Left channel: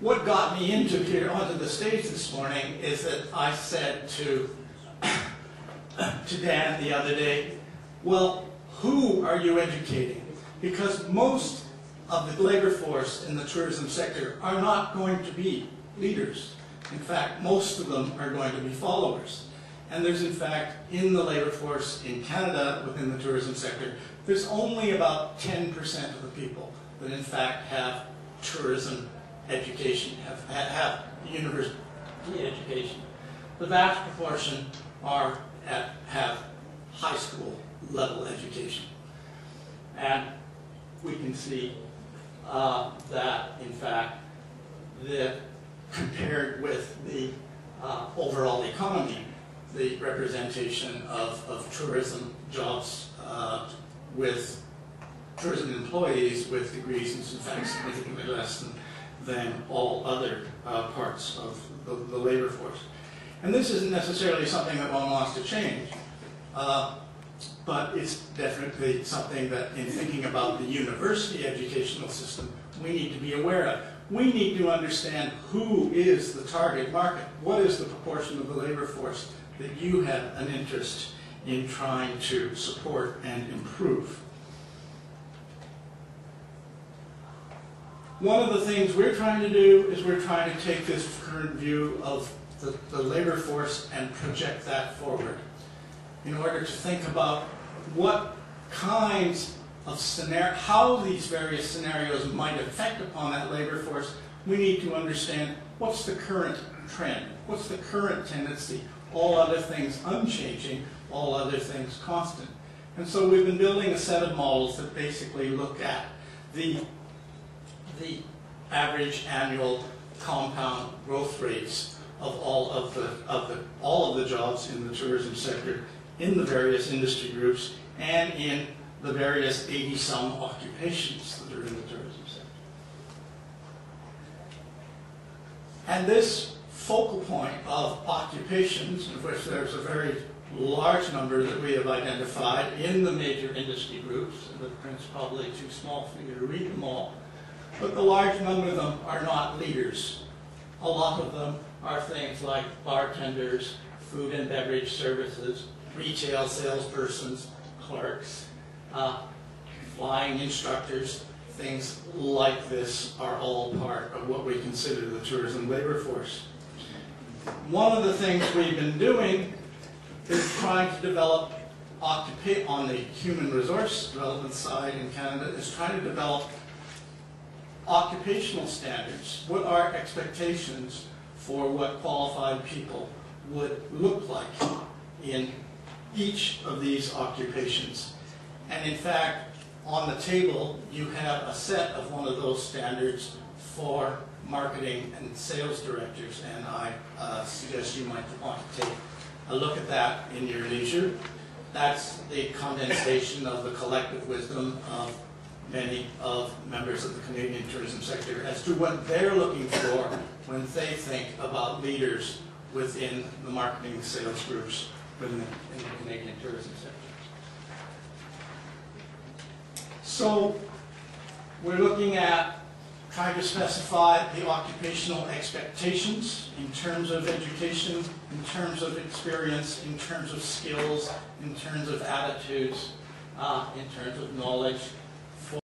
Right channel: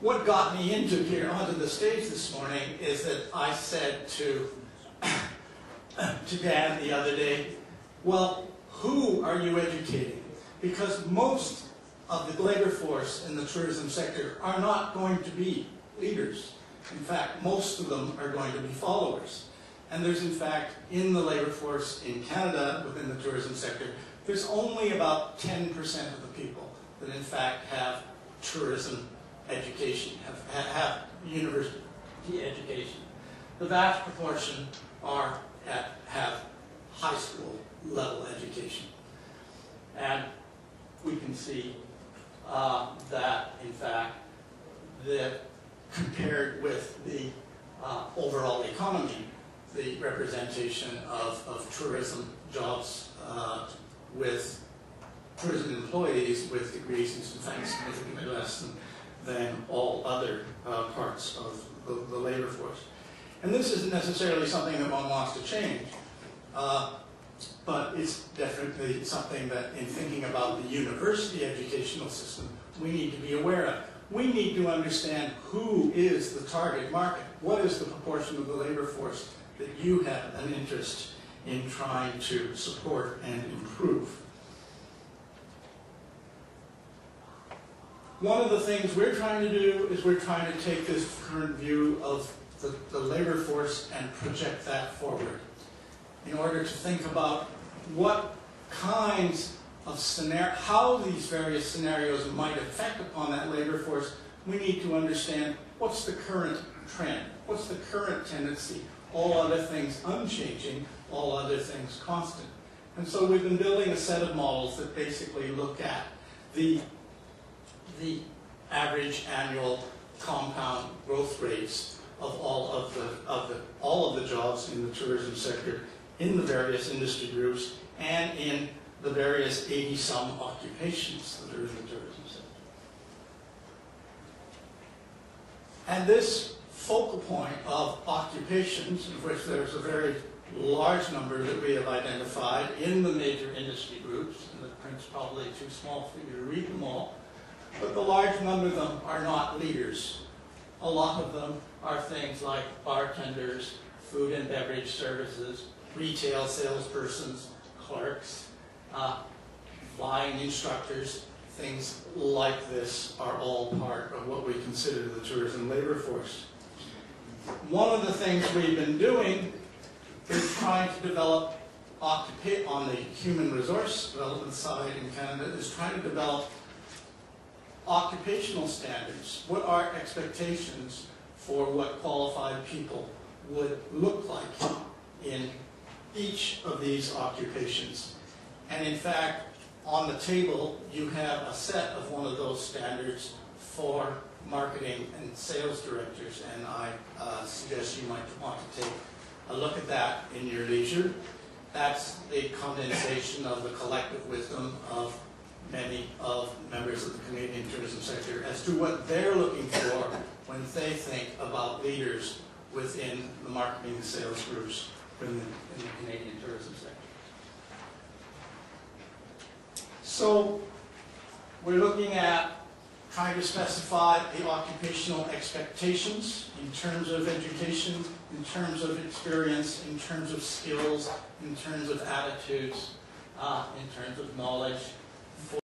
what got me into here onto the stage this morning is that I said to Dan the other day, well, who are you educating? Because most of the labor force in the tourism sector are not going to be leaders. In fact, most of them are going to be followers. And there's, in fact, in the labor force in Canada, within the tourism sector, there's only about 10% of the people that, in fact, have tourism education, have university education. The vast proportion have high school level education. And we can see that, in fact, compared with the overall economy, the representation of tourism jobs with tourism employees with degrees is, in fact, significantly less than all other parts of the labor force. And this isn't necessarily something that one wants to change, but it's definitely something that, in thinking about the university educational system, we need to be aware of. We need to understand who is the target market. What is the proportion of the labor force that you have an interest in trying to support and improve? One of the things we're trying to do is we're trying to take this current view of the labor force and project that forward in order to think about what kinds of how these various scenarios might affect upon that labor force. We need to understand what's the current trend, what's the current tendency, all other things unchanging, all other things constant. And so we've been building a set of models that basically look at the average annual compound growth rates of all of the jobs in the tourism sector, in the various industry groups, and in the various 80-some occupations that are in the tourism sector. And this focal point of occupations, of which there's a very large number that we have identified in the major industry groups, and the print's probably too small for you to read them all, but the large number of them are not leaders. A lot of them are things like bartenders, food and beverage services, retail salespersons, clerks, flying instructors. Things like this are all part of what we consider the tourism labor force. One of the things we've been doing is trying to develop, on the human resource development side in Canada, is trying to develop occupational standards. What are expectations for what qualified people would look like in each of these occupations? And in fact, on the table, you have a set of one of those standards for marketing and sales directors, and I suggest you might want to take a look at that in your leisure. That's the condensation of the collective wisdom of many of members of the Canadian tourism sector as to what they're looking for when they think about leaders within the marketing and sales groups in the Canadian tourism sector. So we're looking at trying to specify the occupational expectations in terms of education, in terms of experience, in terms of skills, in terms of attitudes, in terms of knowledge,